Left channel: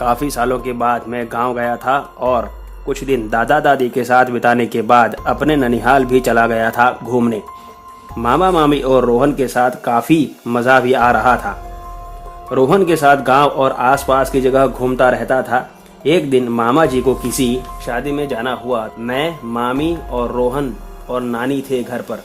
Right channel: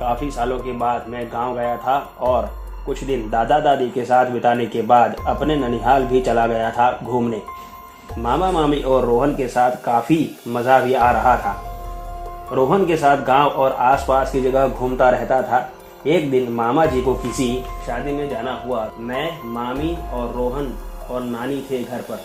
काफ़ी सालों के बाद मैं गांव गया था और कुछ दिन दादा दादी के साथ बिताने के बाद अपने ननिहाल भी चला गया था घूमने। मामा मामी और रोहन के साथ काफ़ी मज़ा भी आ रहा था। रोहन के साथ गांव और आसपास की जगह घूमता रहता था। एक दिन मामा जी को किसी शादी में जाना हुआ। मैं, मामी और रोहन और नानी थे घर पर।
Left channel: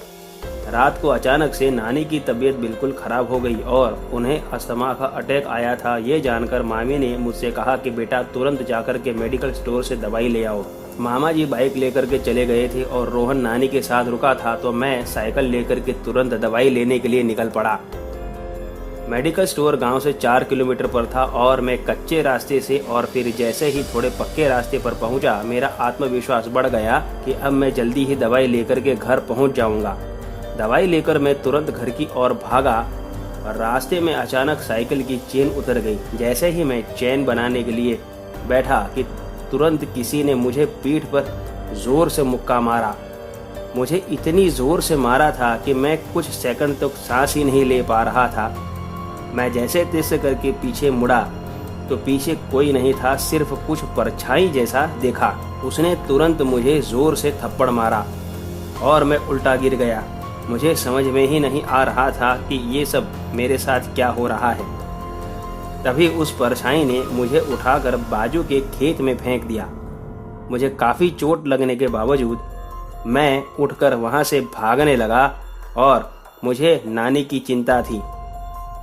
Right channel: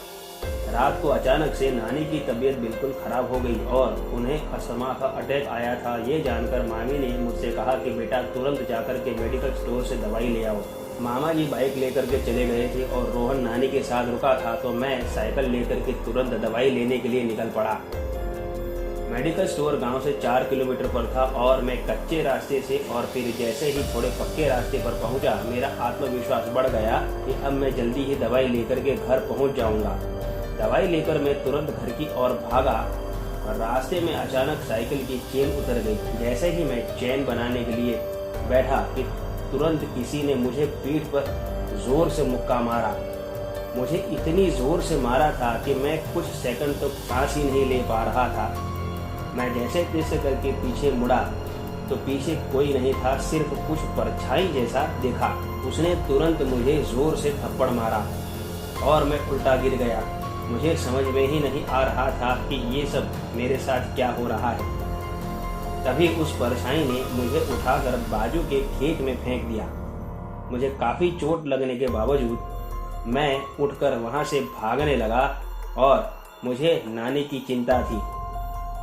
रात को अचानक से नानी की तबीयत बिल्कुल खराब हो गई और उन्हें अस्थमा का अटैक आया था। ये जानकर मामी ने मुझसे कहा कि बेटा तुरंत जाकर के मेडिकल स्टोर से दवाई ले आओ। मामा जी बाइक लेकर के चले गए थे और रोहन नानी के साथ रुका था, तो मैं साइकिल लेकर के तुरंत दवाई लेने के लिए निकल पड़ा। मेडिकल स्टोर गांव से 4 किलोमीटर पर था और मैं कच्चे रास्ते से और फिर जैसे ही थोड़े पक्के रास्ते पर पहुंचा, मेरा आत्मविश्वास बढ़ गया कि अब मैं जल्दी ही दवाई लेकर के घर पहुंच जाऊंगा। दवाई लेकर मैं तुरंत घर की ओर भागा और रास्ते में अचानक साइकिल की चेन उतर गई। जैसे ही मैं चेन बनाने के लिए बैठा कि तुरंत किसी ने मुझे पीठ पर जोर से मुक्का मारा। मुझे इतनी जोर से मारा था कि मैं कुछ सेकंड तक सांस ही नहीं ले पा रहा था। मैं जैसे तैसे करके पीछे मुड़ा तो पीछे कोई नहीं था, सिर्फ कुछ परछाई जैसा देखा। उसने तुरंत मुझे जोर से थप्पड़ मारा और मैं उल्टा गिर गया। मुझे समझ में ही नहीं आ रहा था कि ये सब मेरे साथ क्या हो रहा है। तभी उस परछाई ने मुझे उठाकर बाजू के खेत में फेंक दिया। मुझे काफ़ी चोट लगने के बावजूद मैं उठकर वहाँ से भागने लगा और मुझे नानी की चिंता थी।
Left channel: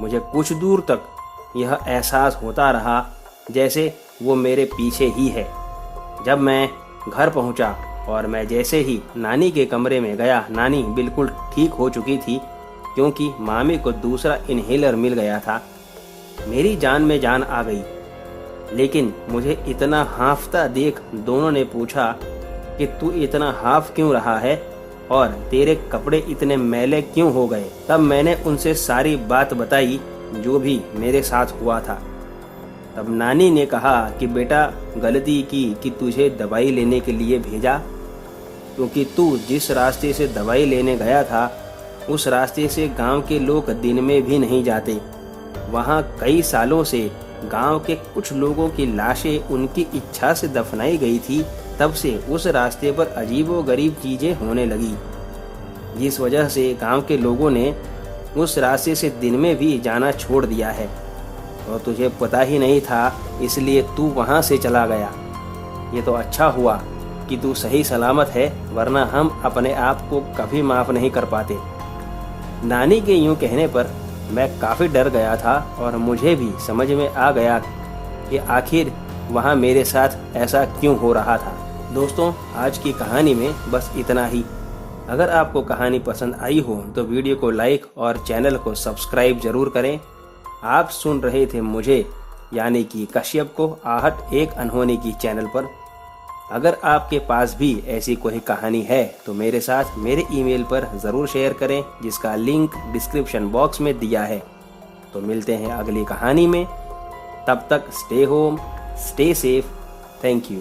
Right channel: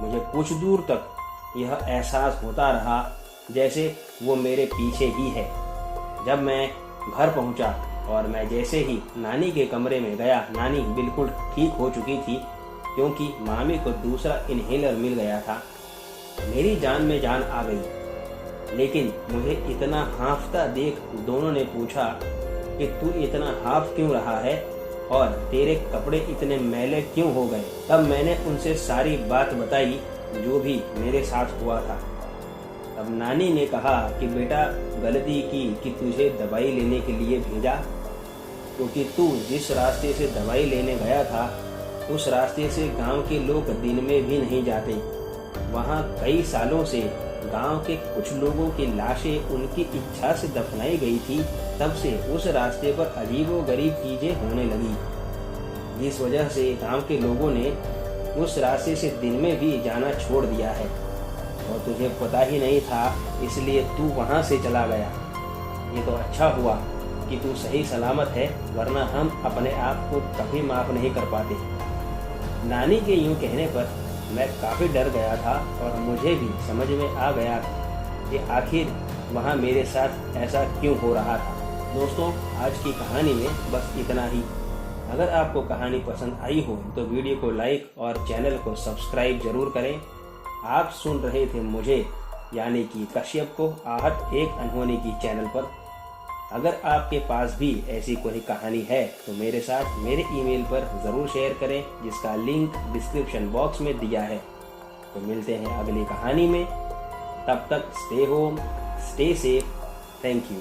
मुझे कुछ दूर तक यह एहसास होता रहा जैसे वो मेरे पीछे ही है। जब मैं घर पहुंचा और मैं जैसे ही नानी के कमरे में गया, नानी बिल्कुल ठीक हो चुकी थी क्योंकि मामी को दूसरा इन्हेलर मिल गया था। मेरी जान में जान आ गई। लेकिन मुझे इतना हांफता देख दोनों ने पूछा कि तू इतना हांफ क्यों रहा है और तेरे कपड़े इतने मैले क्यों हो गए। तब मैंने उनसे सारी बात बताई जो भी मेरे साथ हुआ था। तब नानी ने कहा कि बेटा गलती की कि तुझे दवाई लेने के लिए भेजा, क्योंकि तू जिस रास्ते से दवाई लेने गया था उस रास्ते से गांव के लोग दिन में भी नहीं जाते। वहां कई सालों से गांव के कुछ लोगों की लाशें उनकी इच्छा से दफनाई गई थी। तब से उस रास्ते पर अजीबोगरीब चीजें होने लगी, जिस वजह से गांव के लोगों ने उस रास्ते से दिन में भी जाना छोड़ दिया है। और तुझे पता ही नहीं था, इसलिए तू वहां से चला गया। ये तो अच्छा हुआ कि तू सही सलामत है, वरना हम अपने आप को कभी माफ नहीं कर पाते। नानी के यूं कहने पर मैं काफ़ी डर गया था और मुझे भी समझ में आ गया कि आखिर वहाँ मेरे साथ ऐसा क्यों हो रहा था। दोस्तों, आज की कहानी में बस इतना ही। अगर आपको कहानी पसंद आई हो तो वीडियो को लाइक और चैनल को सब्सक्राइब जरूर करें। आप सुन रहे थे मुझे, यानी कि कश्यप को, आहट एक अनहोनी की चैनल पर। अगर आपके पास भी ऐसी कोई कहानी है तो मेरे साथ मेरे ईमेल पर ज़रूर शेयर करें, जिसका लिंक डिस्क्रिप्शन बॉक्स में दिया है। तो मिलते हैं अगली कहानी में। तब तक stay home, stay safe. Thank you.